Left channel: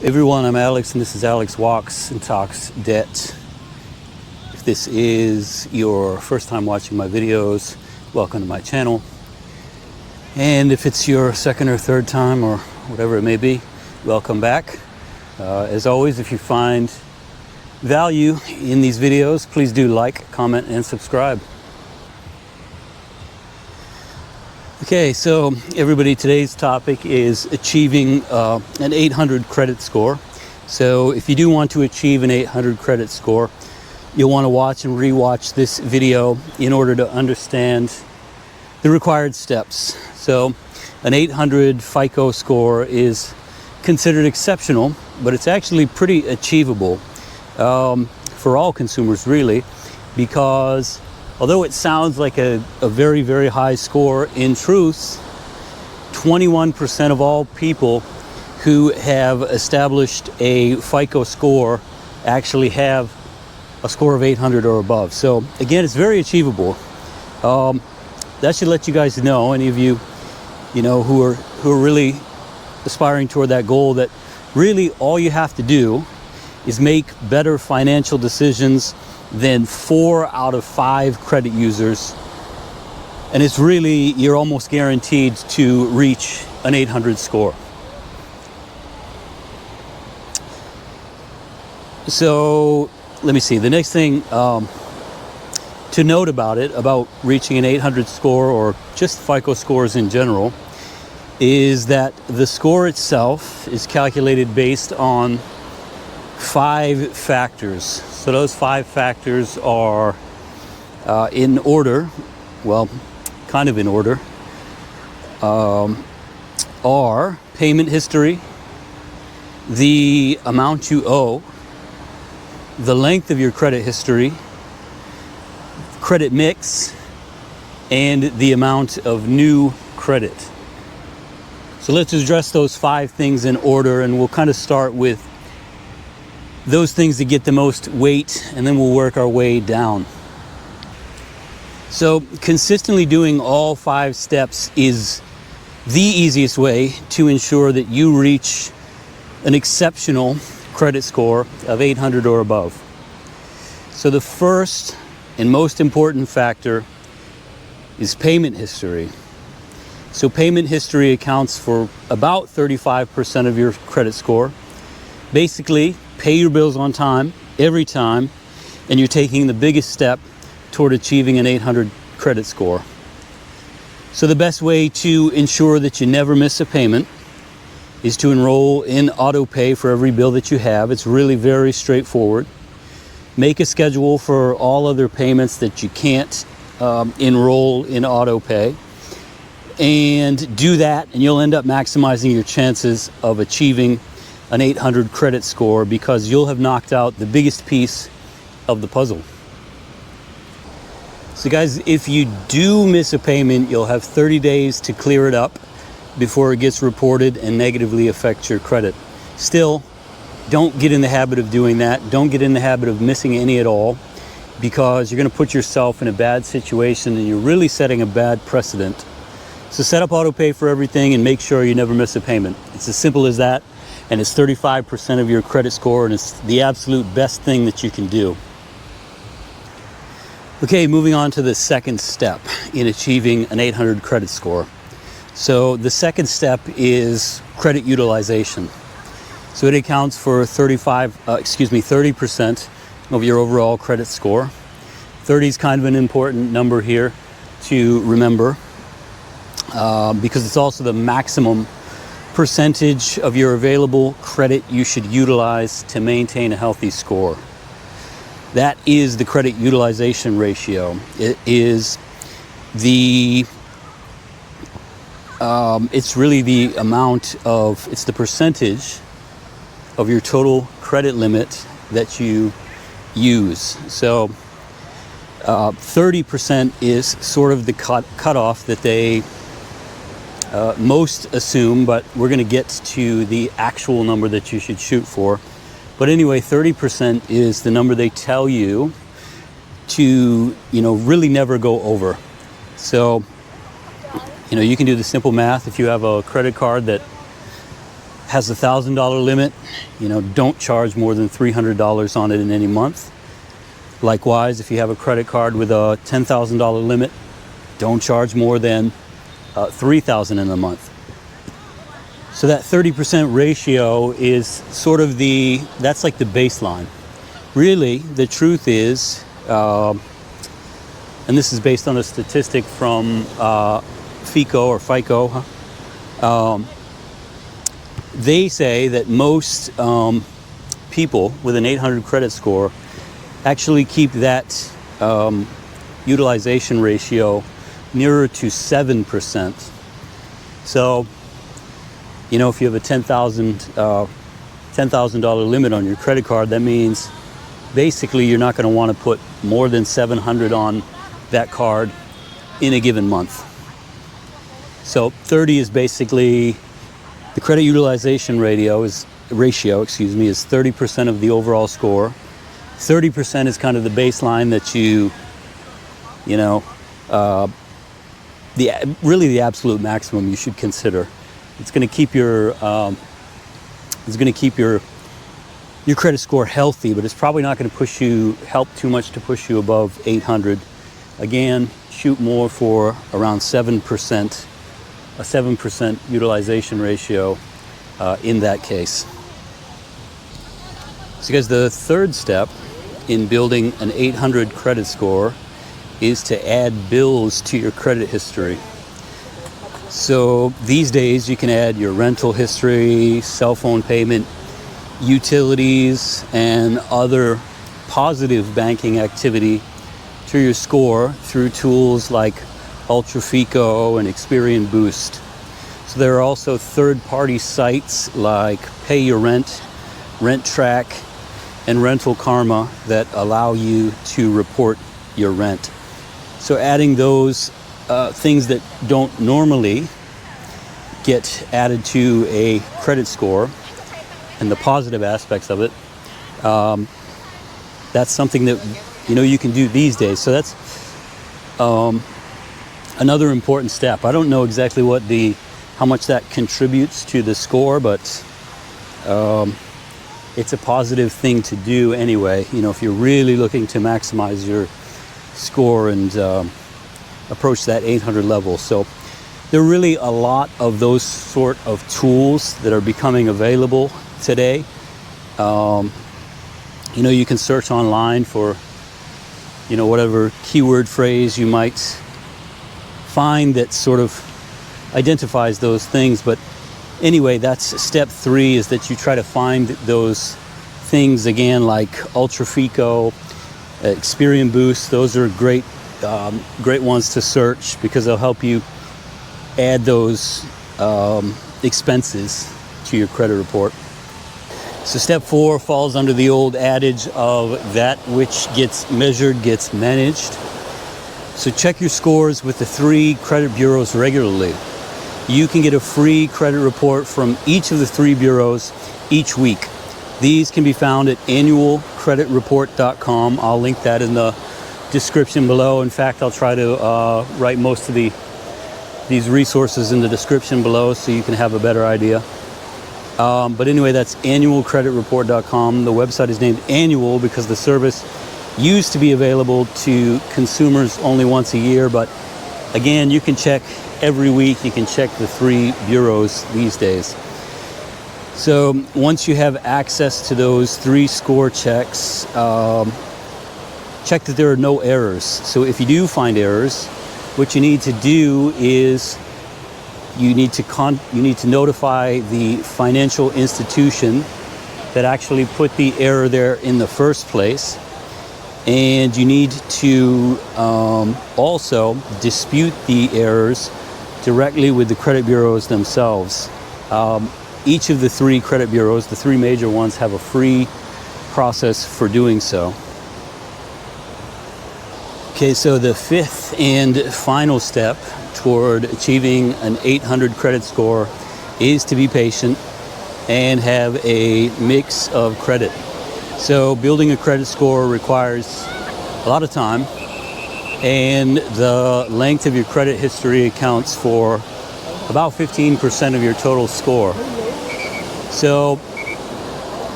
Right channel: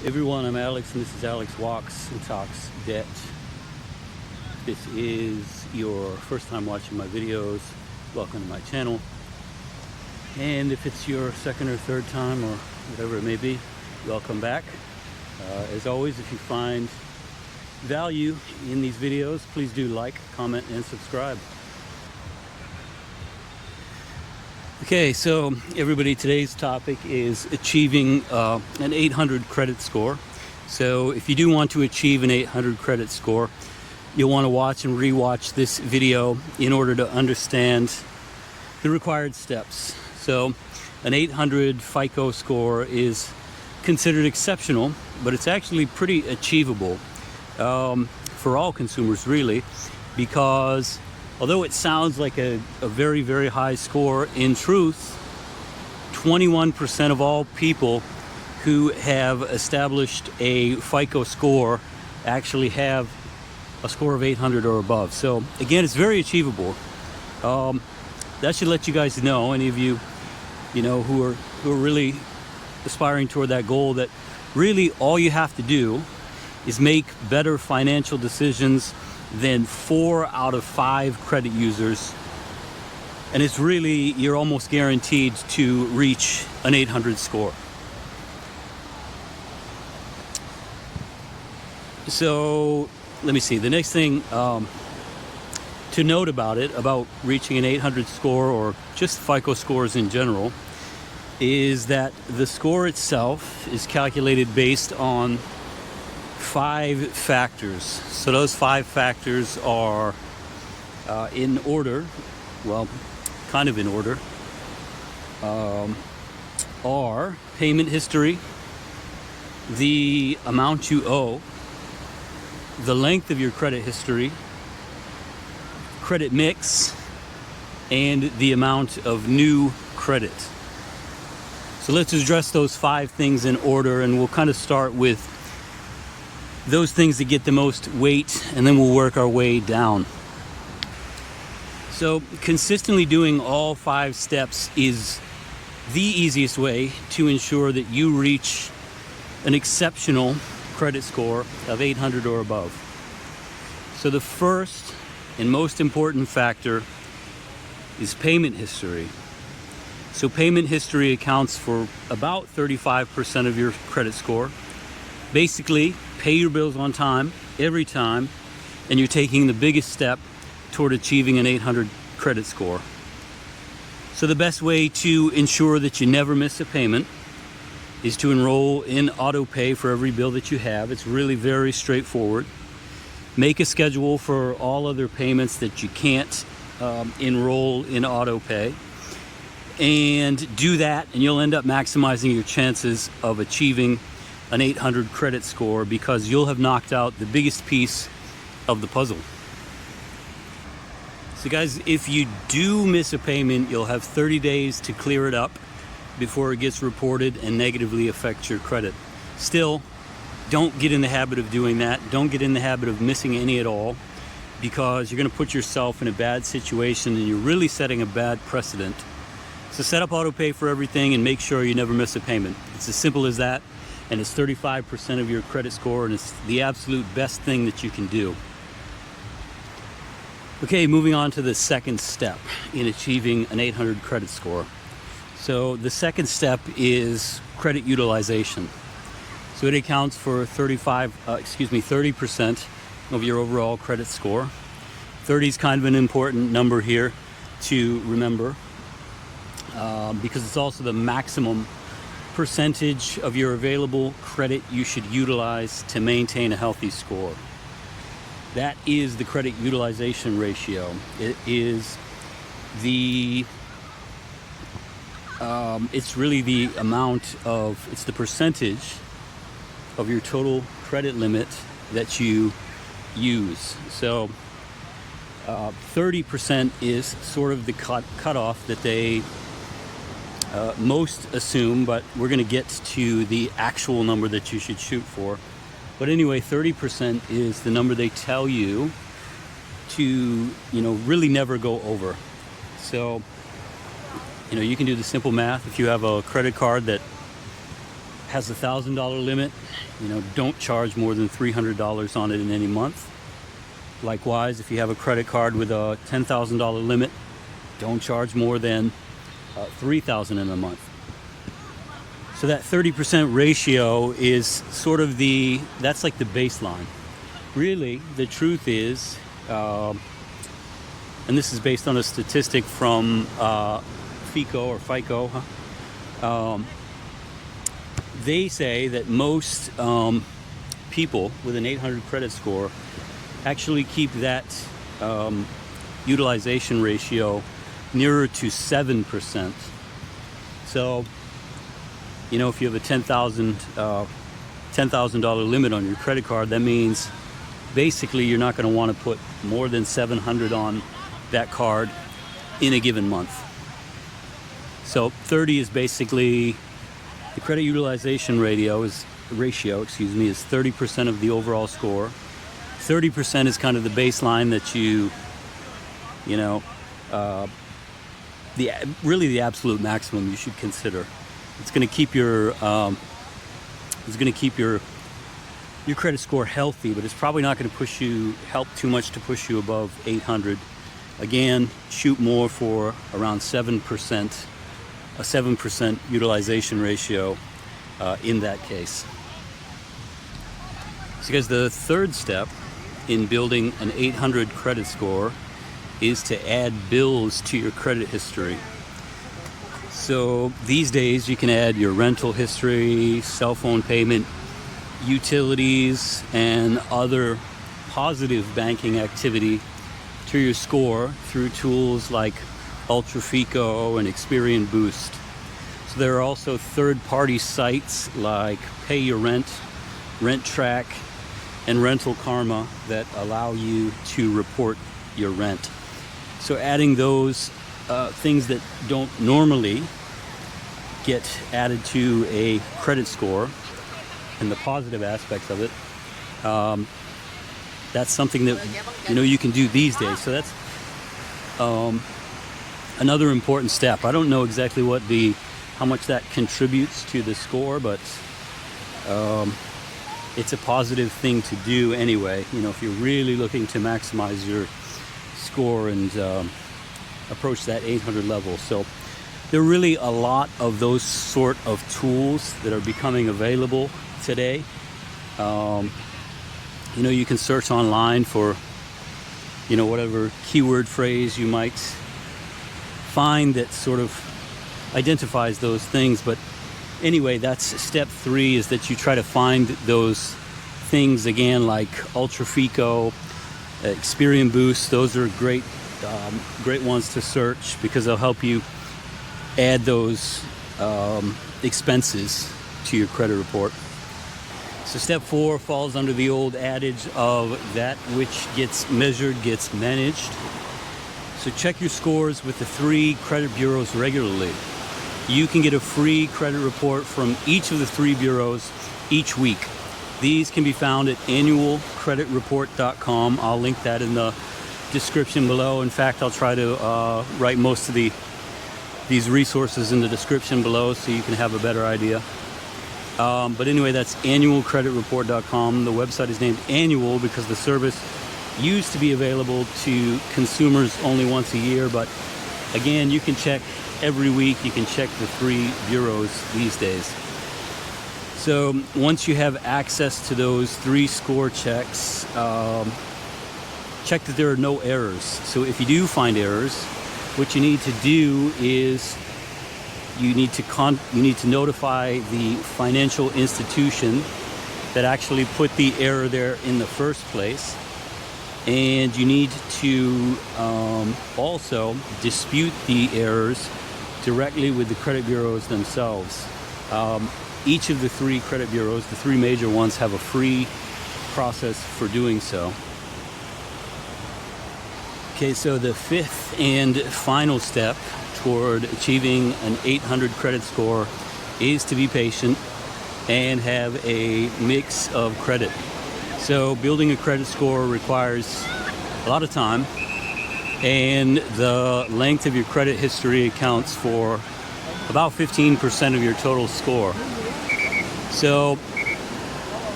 Everyone, I'm Alex, and this is Alex Walks and Talks Debt. If this is your first time watching my videos, welcome to my channel. And if it's your second or third time, or whatever it may be, welcome back. As always, if you find value in these videos, please do like, comment, and subscribe. Okay, so everybody, today's topic is achieving an 800 credit score. So if you do want to achieve an 800 credit score, you'll want to watch and re-watch this video in order to understand the required steps. So an 800 FICO score is considered exceptional, but it's actually pretty achievable for all consumers, really, because although it sounds like a very, very high score, in truth, 21% of all people who have established a FICO score actually have a score of 800 or above. So again, it's very achievable. That should let you guys know, any of you, who are really aspiring toward that goal, that really all you have to do is make better financial decisions than 4 out of 5 credit users, and it's really, you're almost guaranteed to reach an 800 score. So let me see, the next thing to note about reaching an 800 score, or just FICO scores in general, is that the score itself is calculated based on 5 factors. So those 5 factors are in order, well, kind of in order, are payment history, the amount you owe, the length of your credit history, credit mix, and the amount of new credit. So let's address those 5 things in order, and we'll kind of start with those things that get the most weight, and then we'll work our way down. So consistently doing all 5 steps is the easiest way to ensure that you reach an exceptional credit score of 800 or above. So the first and most important factor is payment history. So payment history accounts for about 35% of your credit score. Basically, pay your bills on time, every time, and you're taking the biggest step toward achieving an 800 credit score. So the best way to ensure that you never miss a payment is to enroll in auto pay for every bill that you have. It's really very straightforward. Make a schedule for all other payments that you can't enroll in auto pay, and do that, and you'll end up maximizing your chances of achieving an 800 credit score, because you'll have knocked out the biggest piece of the puzzle. So guys, if you do miss a payment, you'll have 30 days to clear it up before it gets reported and negatively affects your credit. Still, don't get in the habit of doing that. Don't get in the habit of missing any at all, because you're going to put yourself in a bad situation, and you're really setting a bad precedent. So set up auto pay for everything and make sure you never miss a payment. It's as simple as that. And it's 35% of your credit score, and it's the absolute best thing that you can do. Okay, moving on to the second step in achieving an 800 credit score. So the second step is credit utilization. So it accounts for 30% of your overall credit score. 30 is kind of an important number here to remember, because it's also the maximum percentage of your available credit you should utilize to maintain a healthy score. That is the credit utilization ratio. It is it's really the amount of, it's the percentage of your total credit limit that you use. So 30% is sort of the cutoff that they most assume, but we're going to get to the actual number that you should shoot for. But anyway, 30% is the number they tell you to, really never go over. So, you can do the simple math. If you have a credit card that has a $1,000 limit, don't charge more than $300 on it in any month. Likewise, if you have a credit card with a $10,000 limit, don't charge more than $3,000 in a month. So that 30% ratio is sort of that's like the baseline. Really, the truth is, and this is based on a statistic from FICO or FICO, they say that most people with an 800 credit score actually keep that utilization ratio nearer to 7%. So, if you have a $10,000 limit on your credit card, that means basically you're not going to want to put more than $700 on that card in a given month. So 30 is basically the credit utilization ratio is 30% of the overall score. 30% is kind of the baseline that really the absolute maximum you should consider. It's going to keep your your credit score healthy, but it's probably not going to help too much to push you above 800. Again, shoot more for around 7%, a 7% utilization ratio in that case. So guys, the third step in building an 800 credit score is to add bills to your credit history. So these days you can add your rental history, cell phone payment, utilities, and other positive banking activity to your score through tools like UltraFICO and ExperianBOOST. So there are also third-party sites like PayYourRent, RentTrack, and Rental Kharma that allow you to report your rent. So adding those things that don't normally get added to a credit score and the positive aspects of it, that's something that you can do these days. So that's another important step. I don't know exactly how much that contributes to the score, but it's a positive thing to do anyway. If you're really looking to maximize your score and approach that 800 level. So there are really a lot of those sort of tools that are becoming available today. You can search online for whatever keyword phrase you might find that sort of identifies those things. But anyway, that's step 3, is that you try to find those things again, like UltraFICO, ExperianBOOST. Those are great ones to search because they'll help you add those expenses to your credit report. So step 4 falls under the old adage of that which gets measured gets managed. So check your scores with the 3 credit bureaus regularly. You can get a free credit report from each of the 3 bureaus each week. These can be found at annualcreditreport.com. I'll link that in the description below. In fact, I'll try to write most of these resources in the description below so you can have a better idea. But anyway, that's annualcreditreport.com. The website is named Annual because the service used to be available to consumers only once a year, but again, you can check every week. You can check the 3 bureaus these days. So once you have access to those 3 score checks, check that there are no errors. So if you do find errors, what you need to do is you need to notify the financial institution that actually put the error there in the first place. And you need to also dispute the errors directly with the credit bureaus themselves. Each of the 3 credit bureaus, the 3 major ones, have a free process for doing so. Okay, so the 5th and final step toward achieving an 800 credit score is to be patient and have a mix of credit. So building a credit score requires a lot of time, and the length of your credit history accounts for about 15% of your total score. So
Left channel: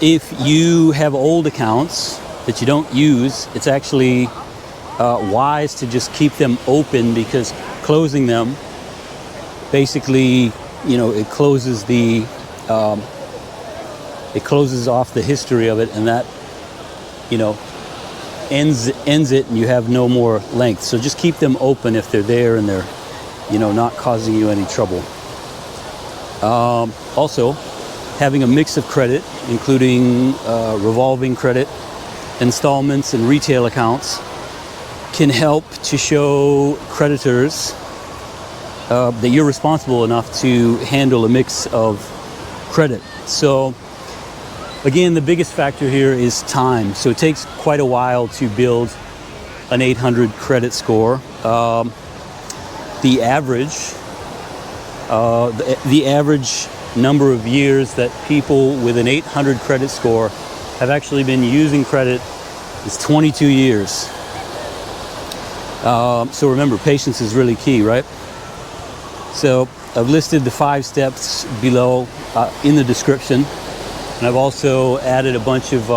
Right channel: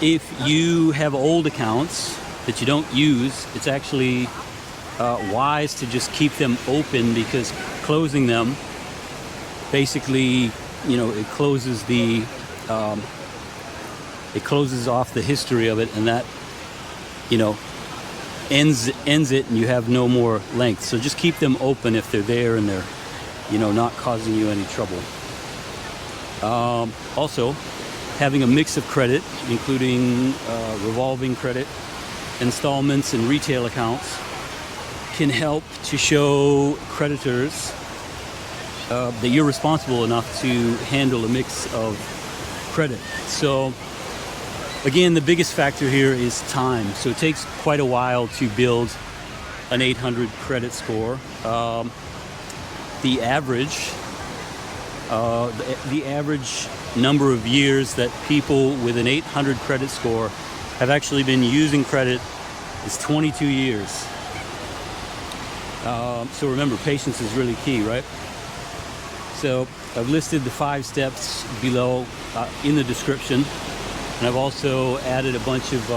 if you have old accounts that you don't use, it's actually wise to just keep them open, because closing them basically, it closes off the history of it, and that, ends it, and you have no more length. So just keep them open if they're there and they're, not causing you any trouble. Also, having a mix of credit, including revolving credit, installments, and retail accounts, can help to show creditors that you're responsible enough to handle a mix of credit. So again, the biggest factor here is time. So it takes quite a while to build an 800 credit score. The average number of years that people with an 800 credit score have actually been using credit is 22 years. So remember, patience is really key, right? So I've listed the 5 steps below in the description, and I've also added a bunch of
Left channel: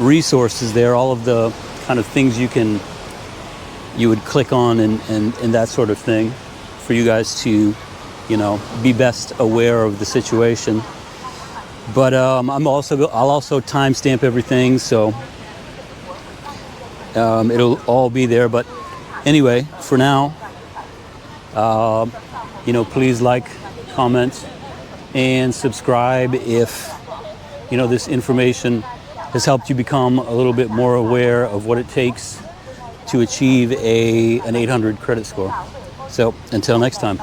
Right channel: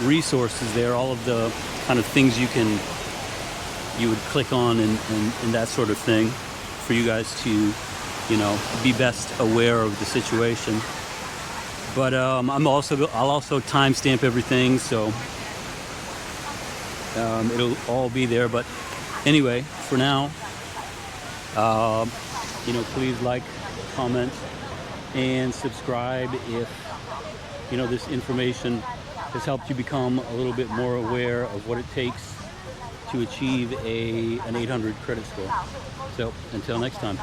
resources there, all of the kind of things you would click on and that sort of thing, for you guys to, be best aware of the situation. But I'll also timestamp everything, so it'll all be there. But anyway, for now, please like, comment, and subscribe if this information has helped you become a little bit more aware of what it takes to achieve an 800 credit score. So until next time.